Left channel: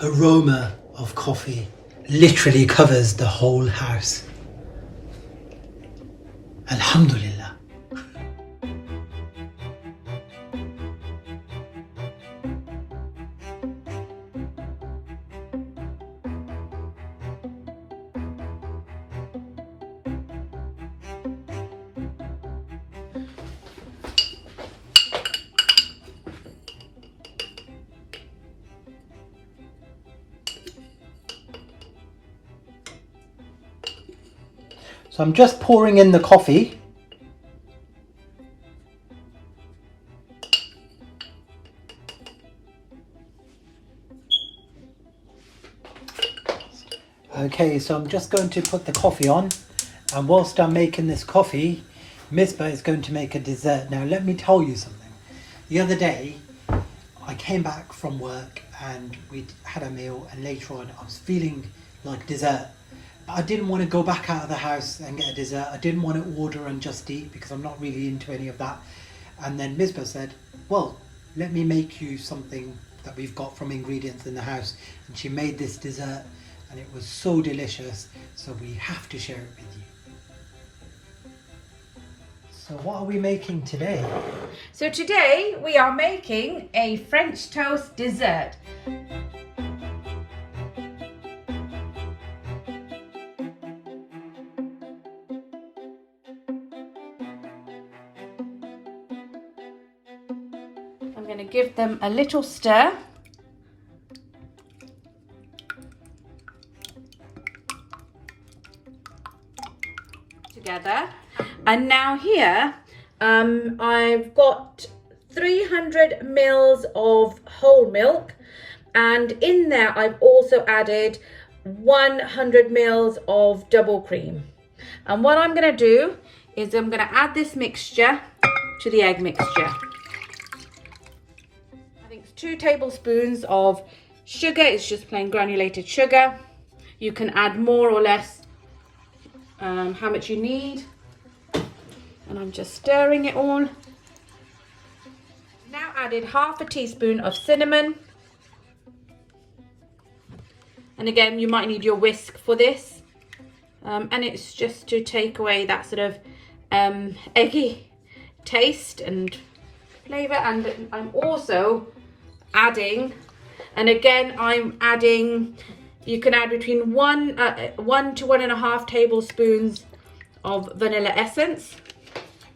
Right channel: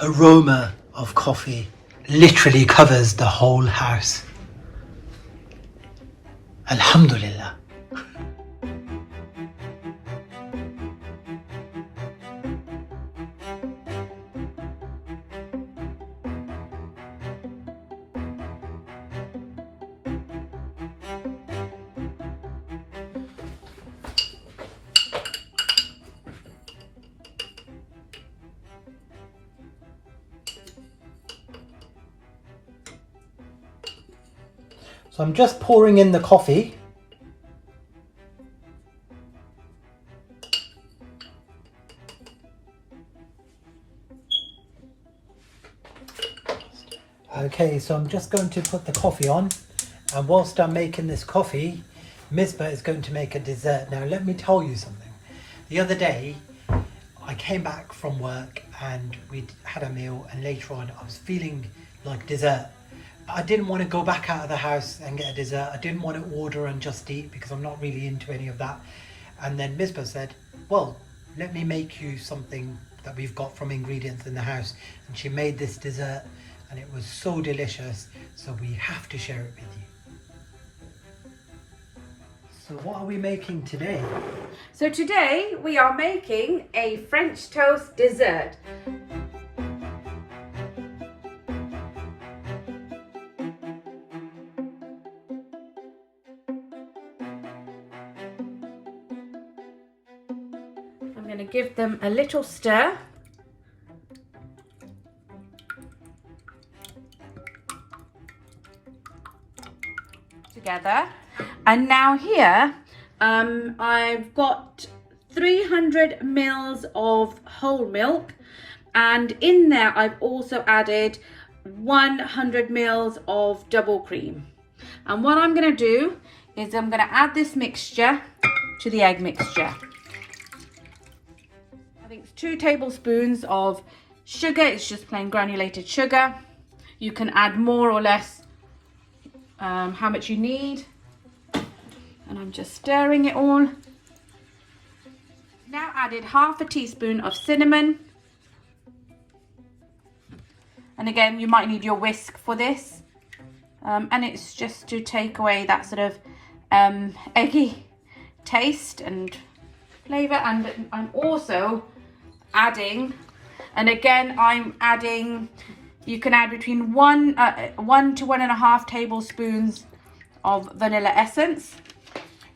Aroma of coffee literally covers the whole house. Alhamdulillah. So I'm just pouring in the coffee. Okay, so I'm just going to put the coffee on, and whilst I'm making this coffee, Misbah is going to make a dessert. Now let me tell you something. The other day I came back from work and we'd had a meal, and later on I was feeling like dessert. I didn't want to go back out of the house and get a dessert. I didn't want to order and just eat because I'm not really into any of that. And then Misbah said, well, let me make you something that we've got from ingredients in the house. And she made this dessert and it was so delicious. So we have to share it with you. So what are we making today? So today we are making a French toast dessert. I'm going to give them a little stir. Together. And now here I've got 300 mils of whole milk, and in there I've also added 100 mils of double cream. And what I'm going to do is I'm going to add this mixture to the egg mixture. I think it's 2 tablespoons of sugar. It's just plain granulated sugar. You can add more or less how much you need. And I'm just stirring it all. Now added half a teaspoon of cinnamon. And again, you might need your whisk for this. And it's just to take away that sort of eggy taste and flavour. And I'm also adding, and again I'm adding, you can add between 1 to 1.5 tablespoons of vanilla essence.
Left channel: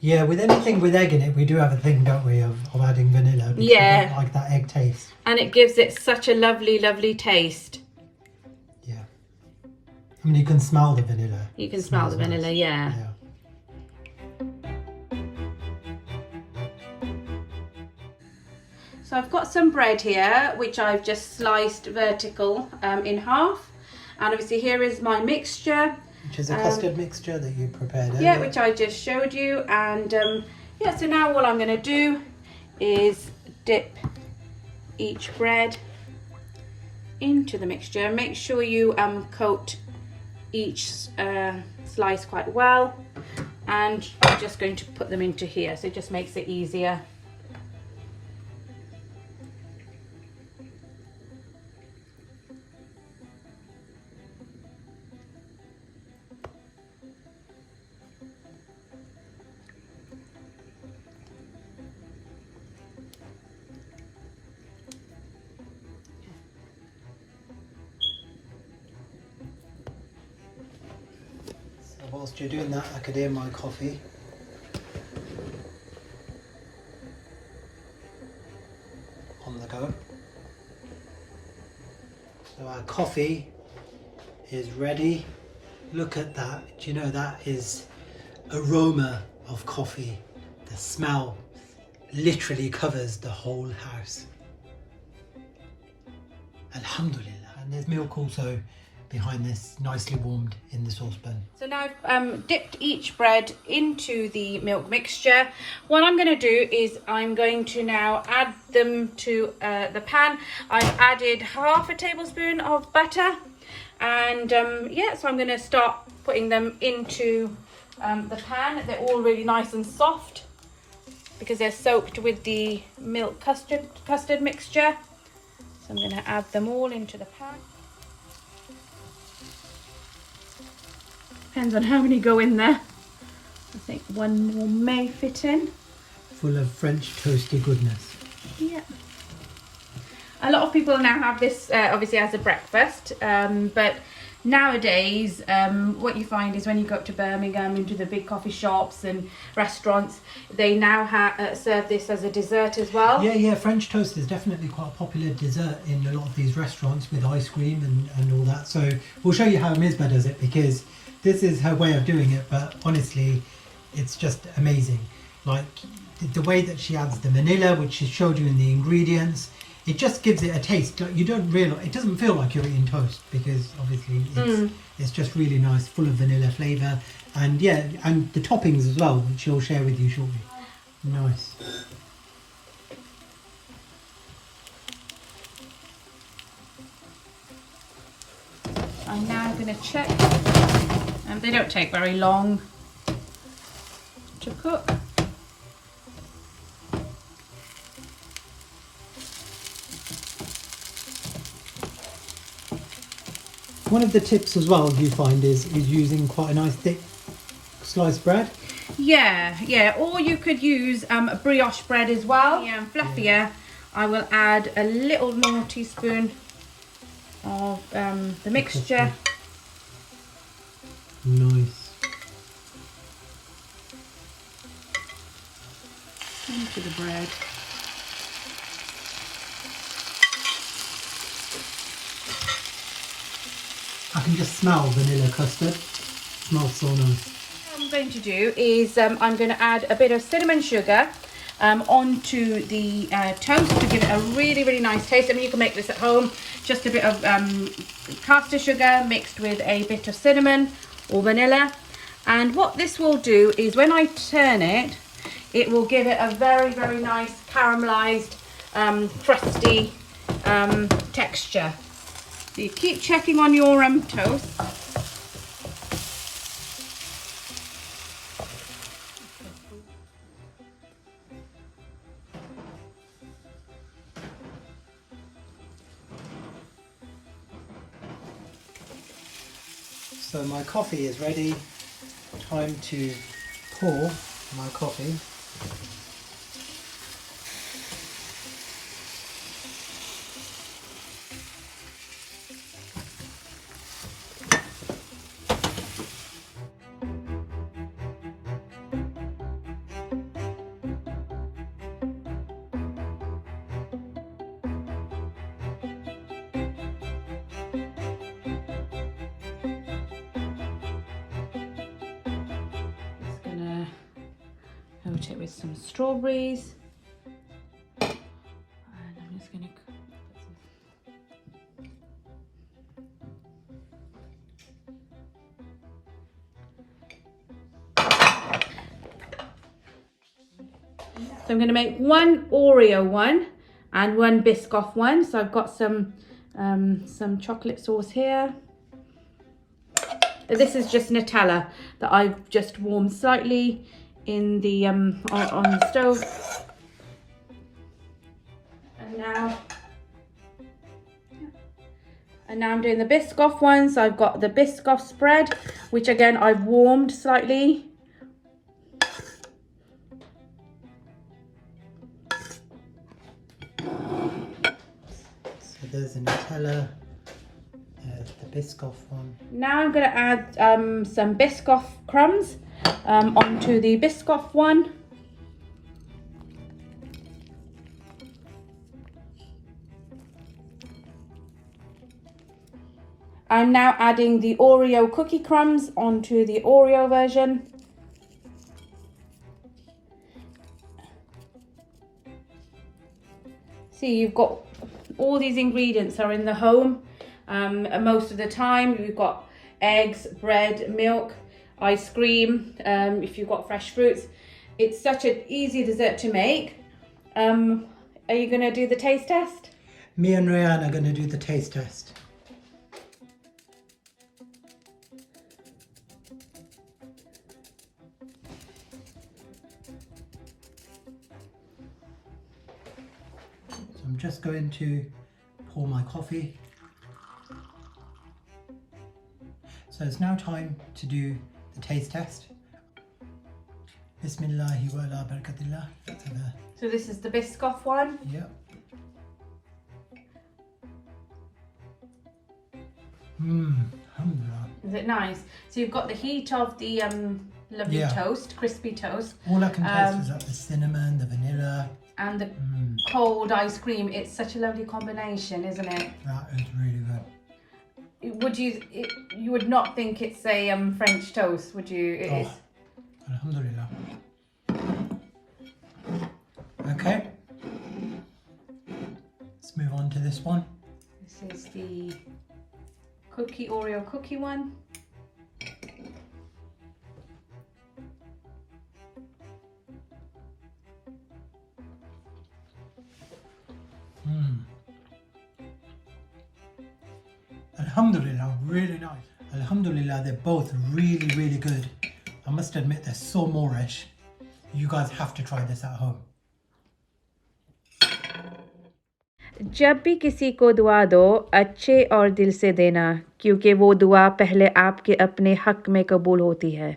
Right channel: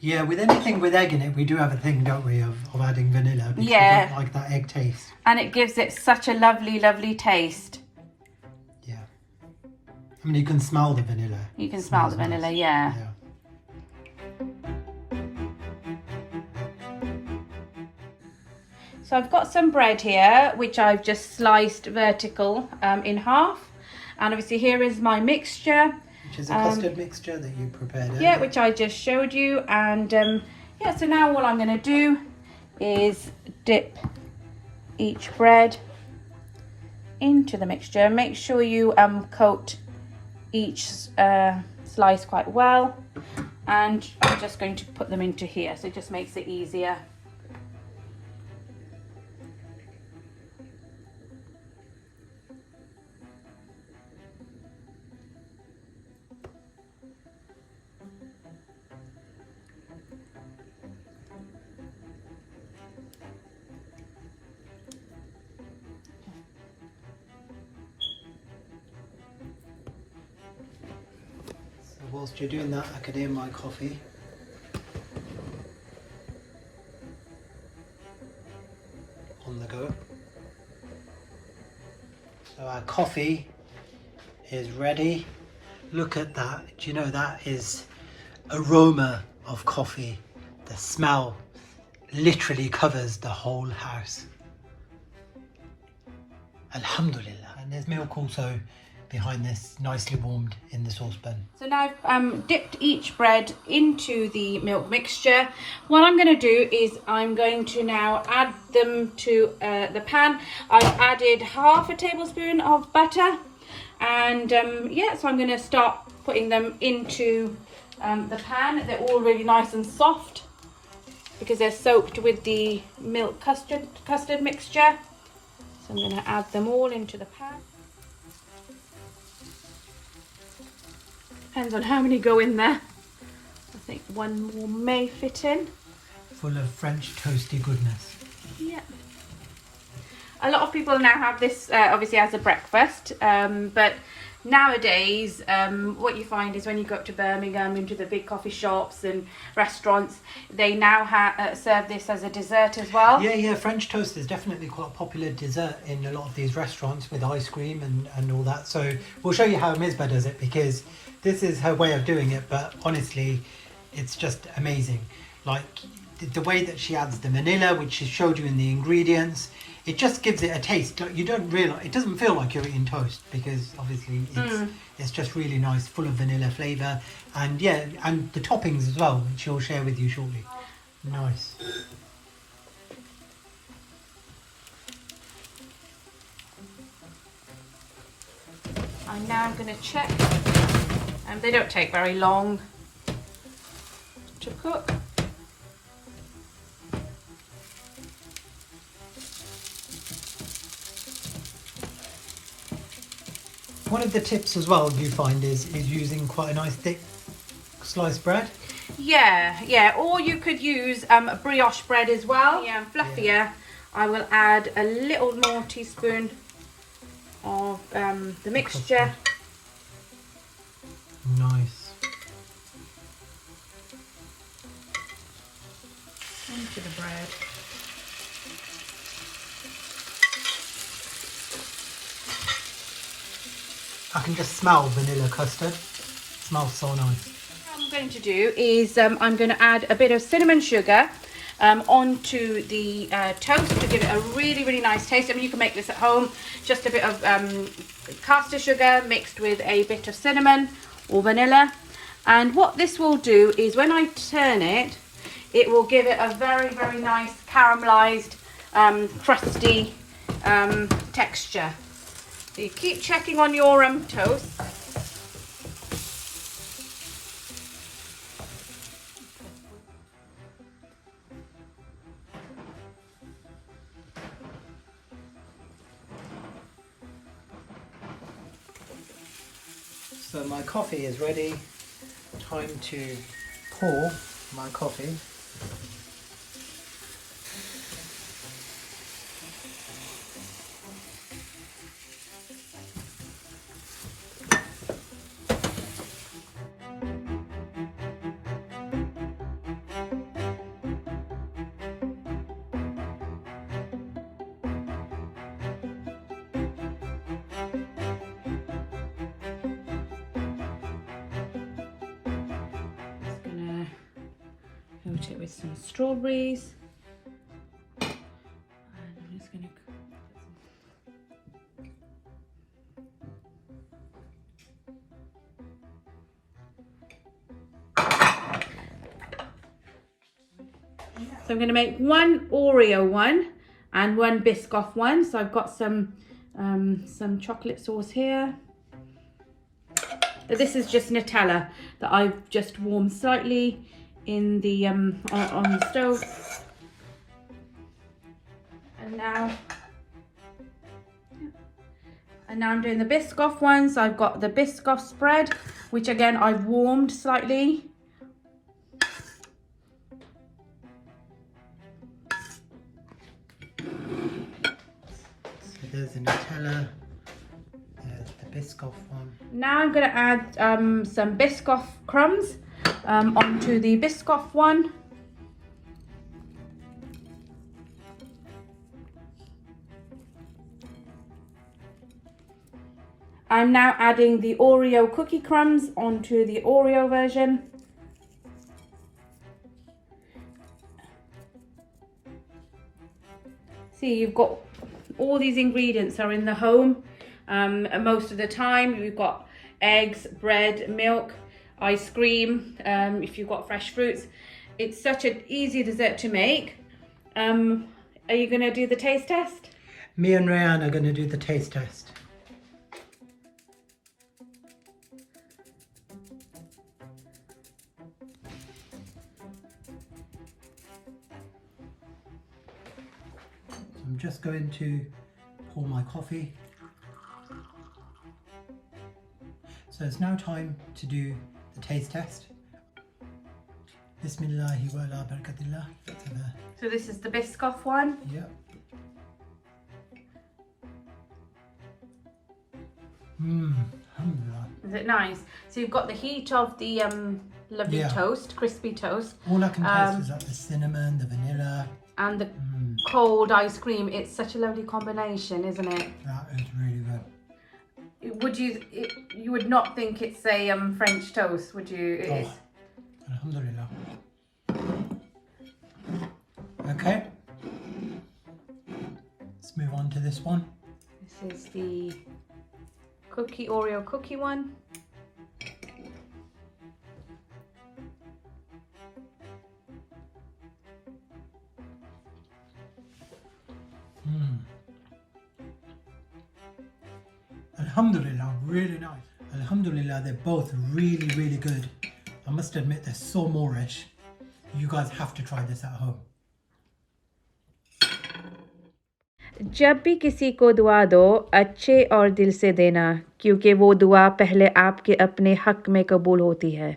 Yeah, with anything with egg in it, we do have a thing, don't we, of adding vanilla. Because yeah. We don't like that egg taste. And it gives it such a lovely, lovely taste. Yeah. I mean, you can smell the vanilla. You can smell the vanilla, nice. yeah. So I've got some bread here, which I've just sliced vertical in half. And obviously here is my mixture. Which is a custard mixture that you prepared earlier. Yeah, which I just showed you. And yeah, so now what I'm going to do is dip each bread into the mixture. Make sure you coat each slice quite well. And I'm just going to put them into here, so it just makes it easier. Whilst you're doing that, I could hear my coffee. On the go. So our coffee is ready. Look at that. Do you know that is aroma of coffee? The smell literally covers the whole house. Alhamdulillah. And there's milk also behind this, nicely warmed in the saucepan. So now I've dipped each bread into the milk mixture. What I'm going to do is I'm going to now add them to the pan. I've added half a tablespoon of butter, and yeah, so I'm going to start putting them into the pan. They're all really nice and soft because they're soaked with the milk custard mixture. So I'm going to add them all into the pan. Depends on how many go in there. I think one more may fit in. Full of French toasty goodness. Yeah. A lot of people now have this obviously as a breakfast, but nowadays what you find is when you go up to Birmingham into the big coffee shops and restaurants, they now serve this as a dessert as well. Yeah, French toast is definitely quite a popular dessert in a lot of these restaurants with ice cream and all that. So we'll show you how Misbah does it, because this is her way of doing it, but honestly it's just amazing. Like the way that she adds the vanilla, which she showed you in the ingredients, it just gives it a taste. Like, you don't realise, it doesn't feel like you're eating toast, because obviously it's just really nice, full of vanilla flavour, and yeah, and the toppings as well, which she'll share with you shortly. Nice. I'm now going to check, and they don't take very long to cook. One of the tips as well you find is using quite a nice thick sliced bread. Yeah, or you could use a brioche bread as well. Yeah, and fluffier. I will add a little more teaspoon of the mixture. Nice. Into the bread. I can just smell vanilla custard. Smells so nice. What I'm going to do is I'm going to add a bit of cinnamon sugar onto the toast to give it a really, really nice taste. I mean, you can make this at home. Just a bit of caster sugar mixed with a bit of cinnamon or vanilla. And what this will do is when I turn it, it will give it a very, very nice caramelized, crusty texture. So you keep checking on your toast. So my coffee is ready. Time to pour my coffee. Coat it with some strawberries. And I'm just going So I'm going to make one Oreo one and one Biscoff one. So I've got some chocolate sauce here. This is just Nutella that I've just warmed slightly in the on the stove. And now I'm doing the Biscoff one. So I've got the Biscoff spread, which again I've warmed slightly. So there's the Nutella, there's the Biscoff one. Now I'm going to add some Biscoff crumbs onto the Biscoff one. I'm now adding the Oreo cookie crumbs onto the Oreo version. See, you've got all these ingredients are in the home. And most of the time you've got eggs, bread, milk, ice cream, if you've got fresh fruits. It's such an easy dessert to make. Are you going to do the taste test? Me and Rayanne are going to do the taste test. So I'm just going to pour my coffee. So it's now time to do the taste test. Bismillahi wa ala barakatillah. So this is the Biscoff one. Yep. Alhamdulillah. Is it nice? So you've got the heat of the lovely toast, crispy toast. All I can taste is like the cinnamon, the vanilla. And the cold ice cream. It's such a lovely combination, isn't it? That is really good. You would not think it's a French toast, would you? It is. Alhamdulillah. Okay. Let's move on to this one. This is the Oreo cookie one. Alhamdulillah, really nice. Alhamdulillah, they're both really, really good. I must admit, they're so Moorish. You guys have to try this at home. जब भी किसी को दुआ दो अच्छे और दिल से देना क्योंकि वो दुआ पहले आपके अपने हक में कबूल होती है